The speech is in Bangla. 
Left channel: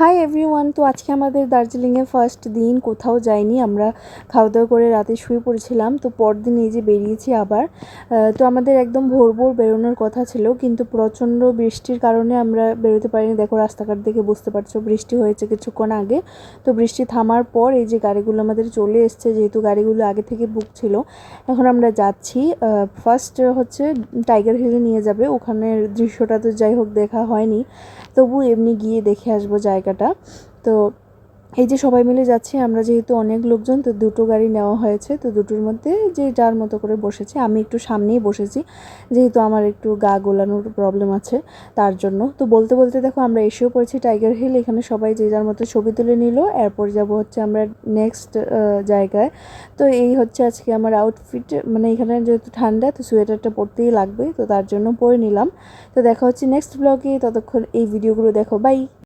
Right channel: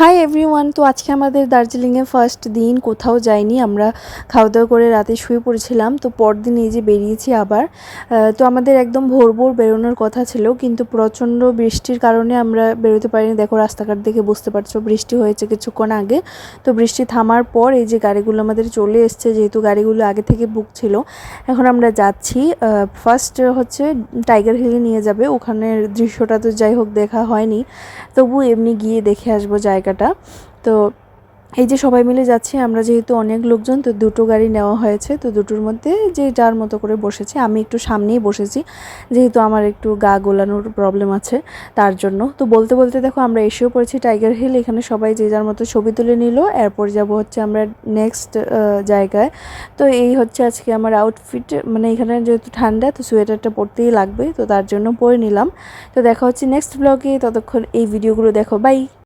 Hi everyone. তো আজকে আমাদের দার্জিলিংয়ে ফার্স্ট দিন, কোথাও যাইনি আমরা, খাওয়া দাওয়া করে রাতে শুয়ে পড়েছিলাম। তো পরদিন এই যে বেরিয়েছি আবার। তো আমাদের একদম ভোর ভোর বেরোনোর কথা ছিল, কিন্তু প্রচণ্ড বৃষ্টির কারণে আমরা বেরোতে পারিনি। দেখো রাস্তাঘাট দেখে বুঝতে পারছো বৃষ্টি হয়েছে কিছুক্ষণ আগে। তো বৃষ্টি থামার পর এই যে গাড়িগুলো আমাদের চলে এসছে, যেহেতু গাড়িগুলো আগে থেকে বুক ছিল। এখন আমরা যাচ্ছি, ফার্স্ট হচ্ছে টাইগার হিলে নিয়ে যাবে। ওখানের দৃশ্যটা তো যাই হোক দেখা হয়নি, তবু এমনি গিয়ে দেখে আসবো জায়গাটা। তো এই যে সবাই মিলে যাচ্ছি আমরা, যেহেতু অনেক লোকজন, তো দুটো গাড়ি নেওয়া হয়েছে। তো দুটোর মধ্যে যে যার মতো করে বসেছে, আমি একটু সামনেই বসেছি, যেহেতু আমার একটু গা গোলানোর প্রবলেম আছে তার জন্য। তো বলতে বলতে দেখো আমরা এসেও পড়েছি টাইগার হিল। এখানে সবাই যে যার মতো ছবি তুলে নিল, এরপর যাব হচ্ছে আমরা নেক্সট জায়গায়। তো এই হচ্ছে আজকে আমার আউটফিট, মানে এখানে যেহেতু ঠান্ডা, তো সোয়েটারটা পরতেই লাগবে, তো তার জন্য পরে নিলাম। তো দেখা হচ্ছে নেক্সট ব্লগে, ততক্ষণ এই ভিডিওগুলো দেখো, বাই।